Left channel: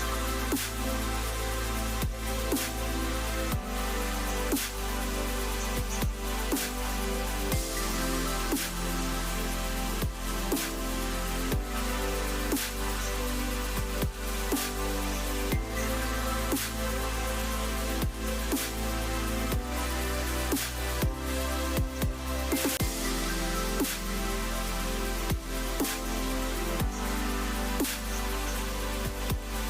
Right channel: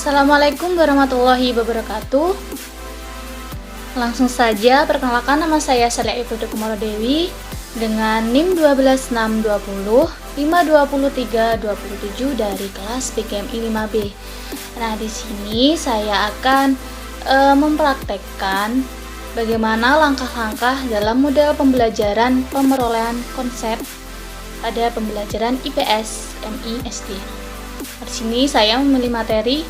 Assalamualaikum warahmatullahi wabarakatuh. Langsung saja perkenalkan, nama saya Saleh Ibnu Dewi dengan NIM 12620 52327 dari kelas PKMI 5B. Nah, di sini saya akan mempraktekkan bagaimana langkah-langkah dalam model pembelajaran pemerolehan konsep pada pembelajaran IPS MI SD. Di sini saya memilih materi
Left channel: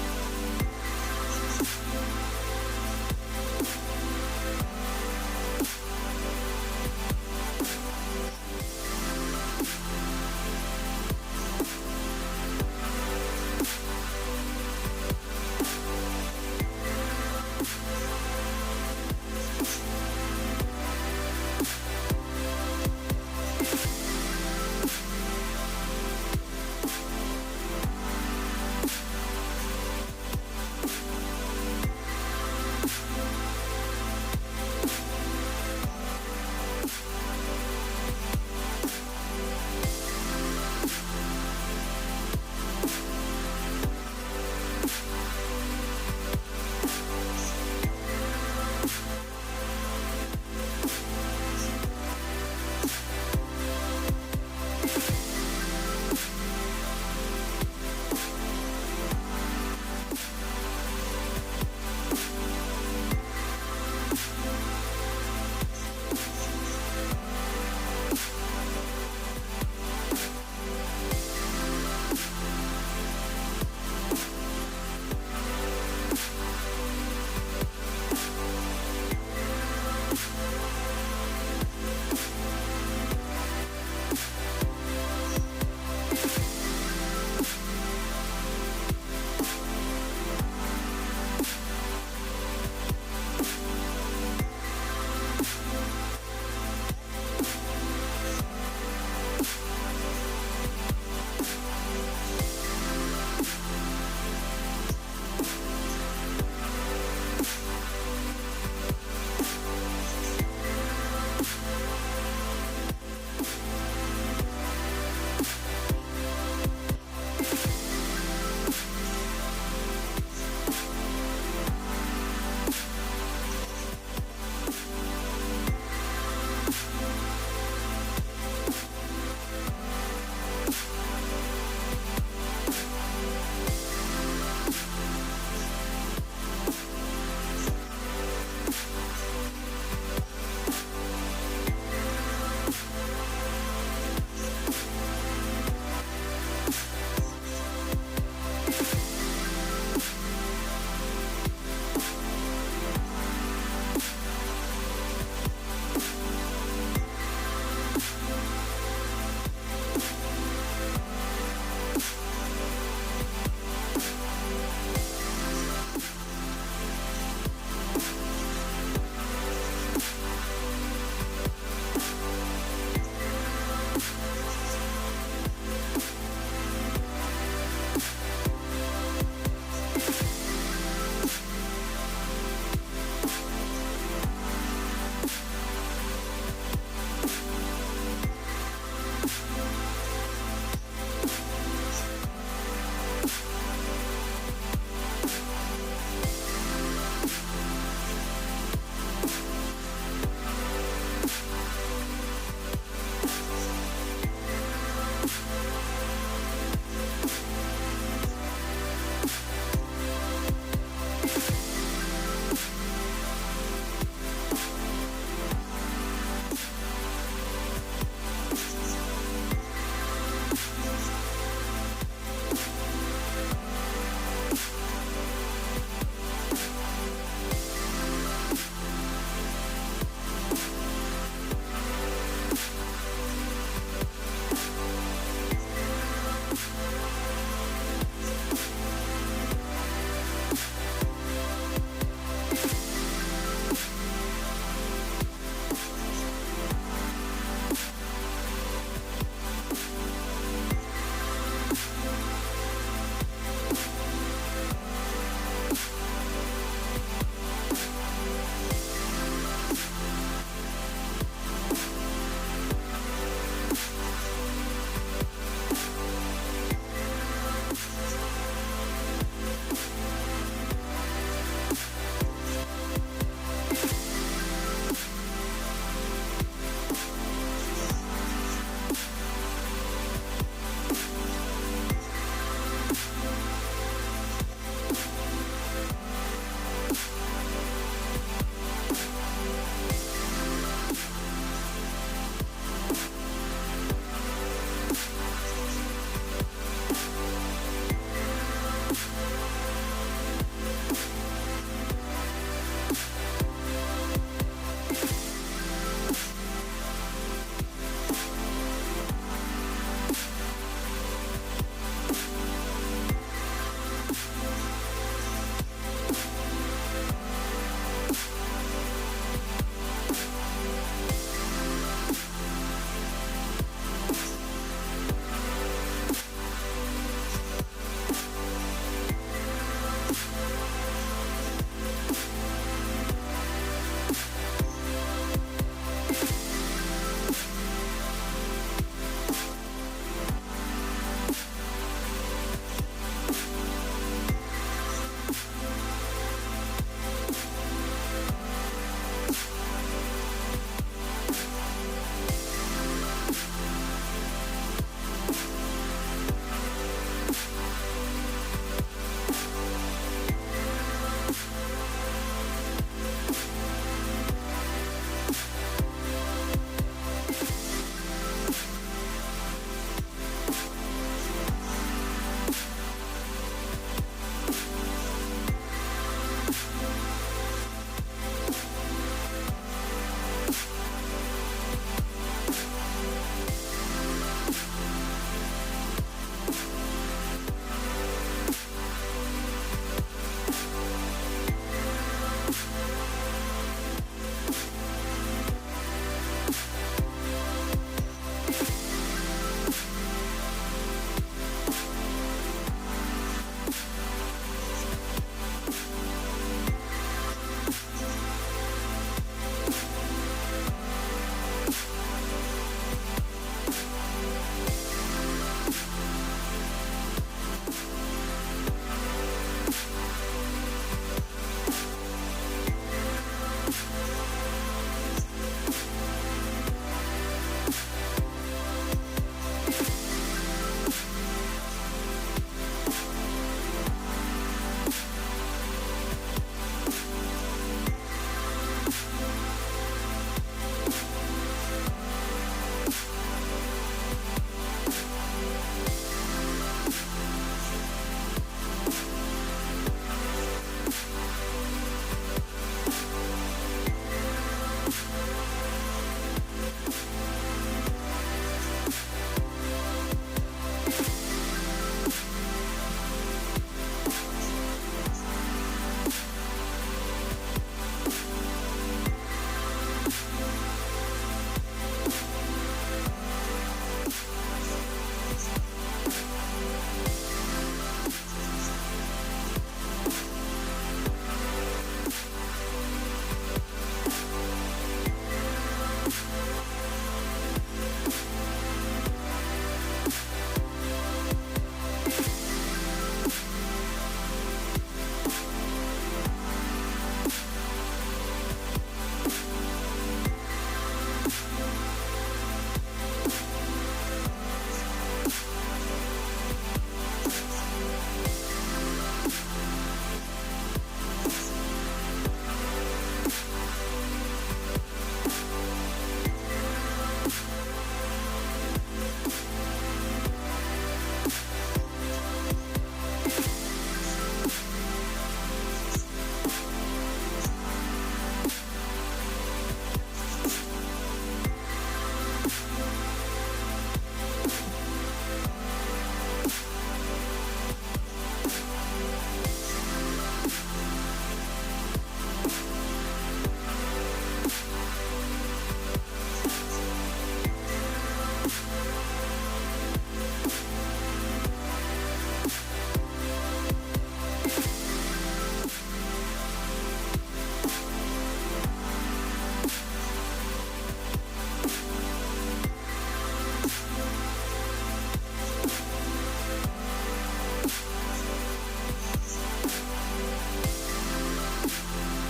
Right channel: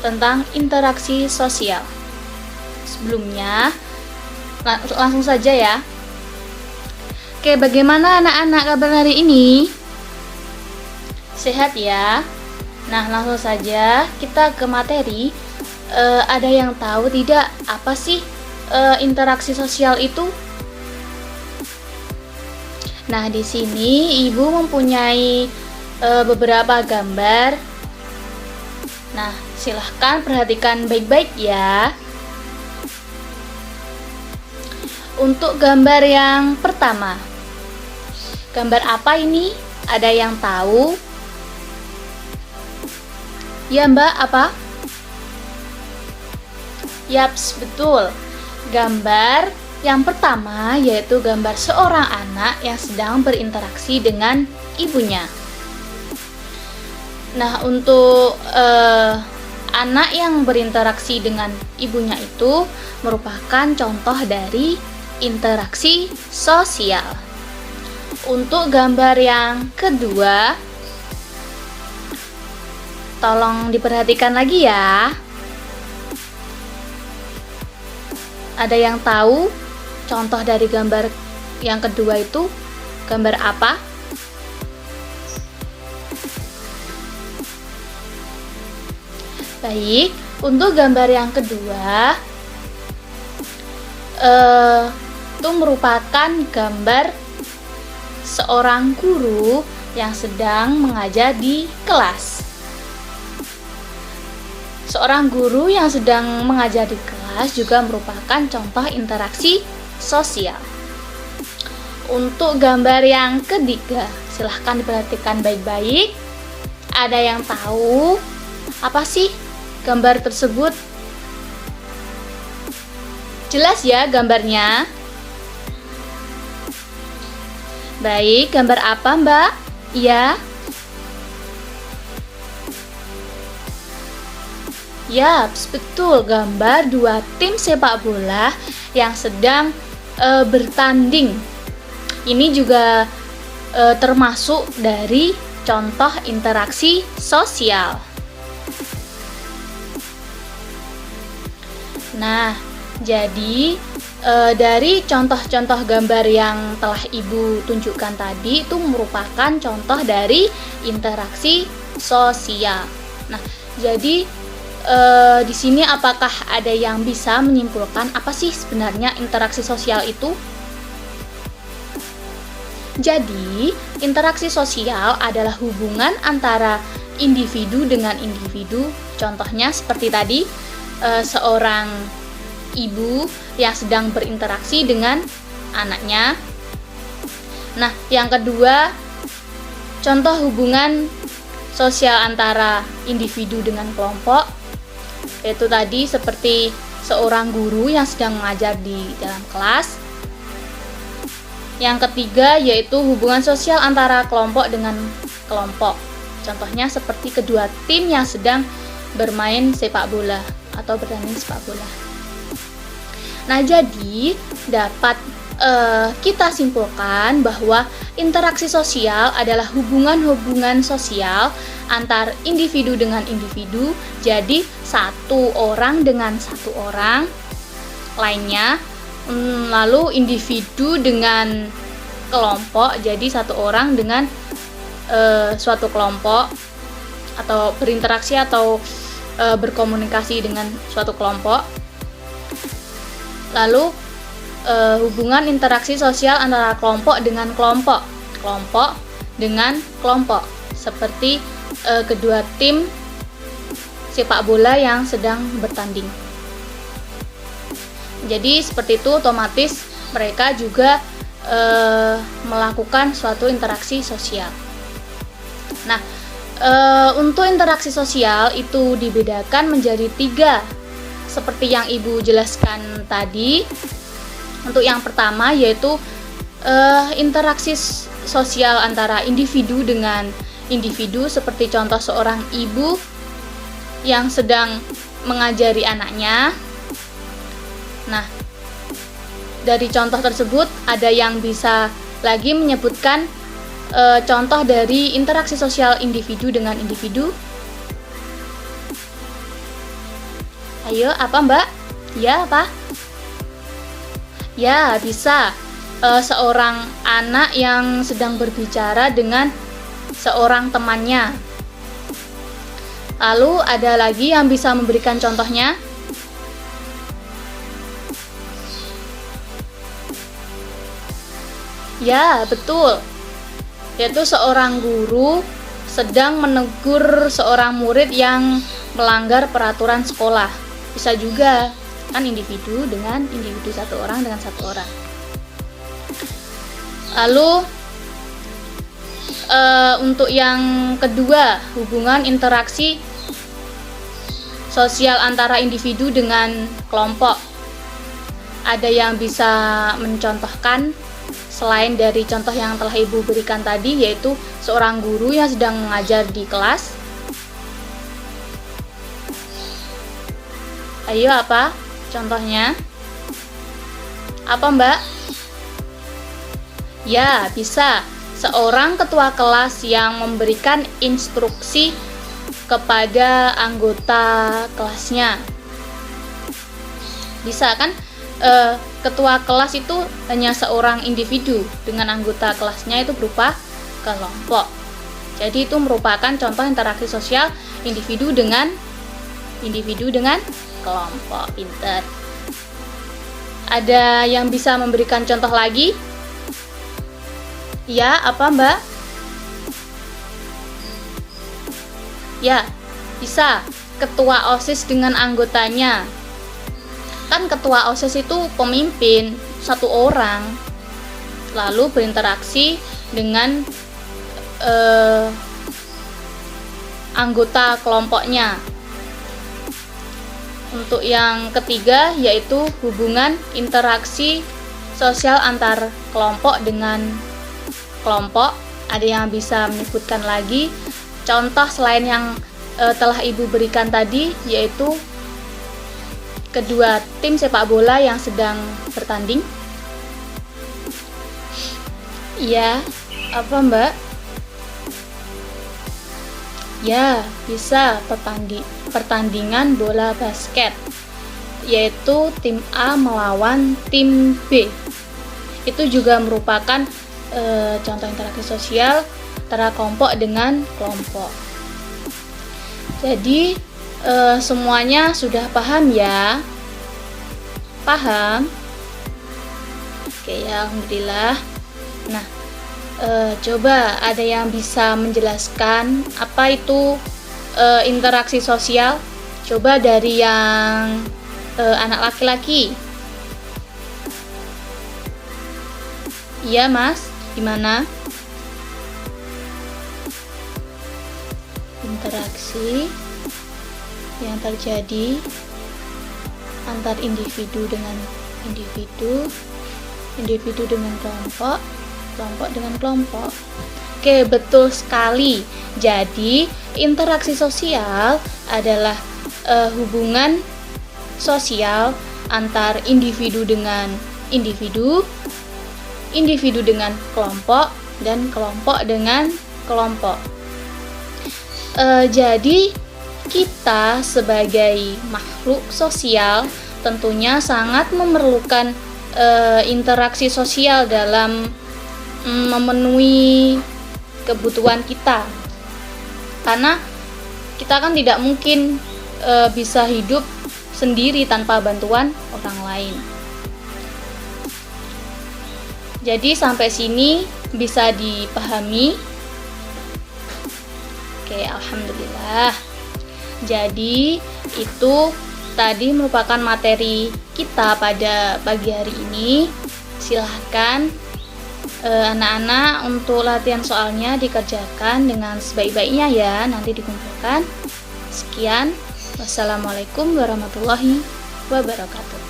tentang interaksi sosial. Sebelumnya, langsung saja ya. Oke, bagaimana anak-anak kabar hari ini? Sehat ya? Nah, langsung saja kita ke materi. Ada yang tahu tidak apa sih interaksi sosial itu? Nah, di sini Ibu mempunyai beberapa gambar. Nah, silahkan perhatikan baik-baik ya. Untuk gambar yang pertama, gambar apa ini? Ada yang tahu? Ya Mbak, apa? Yaps, betul. Gambar yang pertama yaitu gambar seorang anak yang sedang berinteraksi dengan ibunya. Nah, untuk anak yang berinteraksi dengan ibunya itu merupakan contoh dari interaksi sosial. Untuk gambar yang kedua, tolong diperhatikan lagi ya. Ada yang tahu contoh dari gambar yang kedua itu gambar apa? Baik, untuk gambar yang kedua itu merupakan gambar seorang guru yang sedang mengajar di kelas. Seorang guru yang sedang mengajar di kelas juga merupakan contoh interaksi sosial. Untuk gambar yang ketiga, silahkan diperhatikan baik-baik. Ada yang tahu apa sih gambar tersebut? Jelas ya gambarnya? Baik, gambar apa Mbak? Iya. Yaps, betul, gambar dua tim sepak bola yang sedang bertanding. Ini juga termasuk dari contoh interaksi sosial. Nah, jadi dari contoh-contoh gambar yang telah Ibu tunjukkan tadi itu merupakan contoh dari interaksi sosial. Nah, jadi di sini apakah ada yang bisa menyimpulkan apa sih sebenarnya interaksi sosial itu? Jadi, interaksi sosial adalah hubungan antara individu dengan individu. Contohnya seperti tadi, seorang ibu yang sedang berinteraksi dengan anaknya. Nah, yang kedua, contoh hubungan sosial antara individu dengan kelompok, yaitu tadi seperti seorang guru yang sedang mengajar di dalam kelas. Yang ketiga yaitu hubungan sosial antara kelompok dengan kelompok. Contohnya seperti kedua tim yang sedang bermain sepak bola atau bertanding sepak bola. Nah, jadi dapat kita simpulkan bahwa interaksi sosial adalah hubungan-hubungan sosial antar individu dengan individu. Jadi satu orang dengan satu orang lainnya, lalu individu dengan kelompok, jadi satu orang dengan suatu kelompok, atau berinteraksi atau berkomunikasi dengan suatu kelompok. Lalu hubungan interaksi sosial antara kelompok dengan kelompok, kelompok dengan kelompok, seperti kedua tim sepak bola yang sedang bertanding. Jadi seperti itu, otomatis mereka juga melakukan suatu interaksi sosial. Nah, Untuk interaksi sosial itu dibedakan menjadi 3, seperti yang Ibu jelaskan tadi. Untuk yang pertama yaitu interaksi sosial antara individu dengan individu, seperti contoh seorang ibu yang sedang mengajari anaknya. Nah, dari contoh tersebut ada yang bisa lagi menyebutkan contoh dari interaksi sosial individu dengan individu. Ayo, apa Mbak? Ya, apa? Ya, bisa. Seorang anak yang sedang berbicara dengan seorang temannya. Lalu ada lagi yang bisa memberikan contohnya. Ya, betul. Yaitu seorang guru sedang menegur seorang murid yang melanggar peraturan sekolah. Bisa juga kan individu dengan individu, satu orang dengan satu orang. Lalu untuk yang kedua, hubungan interaksi sosial antara individu dengan kelompok. Ada yang bisa mencontohkan selain dari contoh yang telah Ibu berikan tadi, yaitu seorang guru yang sedang mengajar di kelas. Ayo, apa contohnya? Apa Mbak? Ya, bisa. Seorang ketua kelas yang memberikan instruksi kepada anggota kelasnya. Bisa kan? Ketua kelas itu hanya seorang individu, dengan anggota kelasnya itu berupa kelompok. Jadi itu merupakan contoh interaksi sosial individu dengan kelompok. Pinter. Ada yang bisa memberikan contoh lagi? Ya, apa Mbak? Ya, bisa. Ketua OSIS dengan anggotanya. Kan ketua OSIS itu pemimpin, satu orang, lalu berinteraksi dengan anggota kelompoknya. Untuk yang ketiga yaitu hubungan interaksi sosial antar kelompok dengan kelompok. Ada yang bisa menyebutkan lagi contoh selain yang telah Ibu berikan tadi, yaitu kedua tim sepak bola yang sedang bertanding. Ya, apa Mbak? Ya, bisa pertandingan bola basket, yaitu tim A melawan tim B. Itu juga merupakan contoh interaksi sosial antara kelompok dengan kelompok. Jadi semuanya sudah paham ya? Paham? Oke, alhamdulillah. Nah, coba ada yang bisa menjelaskan apa itu interaksi sosial? Coba dari yang anak laki-laki. Iya Mas, gimana? Interaksi yang terjadi antar individu dengan individu, individu dengan kelompok, kelompok dengan kelompok. Oke, betul sekali. Jadi, interaksi sosial adalah hubungan sosial antar individu dengan individu, individu dengan kelompok, dan kelompok dengan kelompok. Jadi, kita sebagai makhluk sosial tentunya sangat memerlukan interaksi sosial dalam memenuhi kebutuhan kita, karena kita kan tidak mungkin bisa hidup sendiri tanpa bantuan orang lain. Jadi sampai sini bisa dipahami? Oke, alhamdulillah. Jadi itu tadi merupakan materi kita pada pagi hari ini. Silahkan Anak-anak, untuk latihan soalnya dikerjakan dengan sebaik-baiknya ya, nanti dikumpulkan. Sekian, wassalamualaikum warahmatullahi wabarakatuh.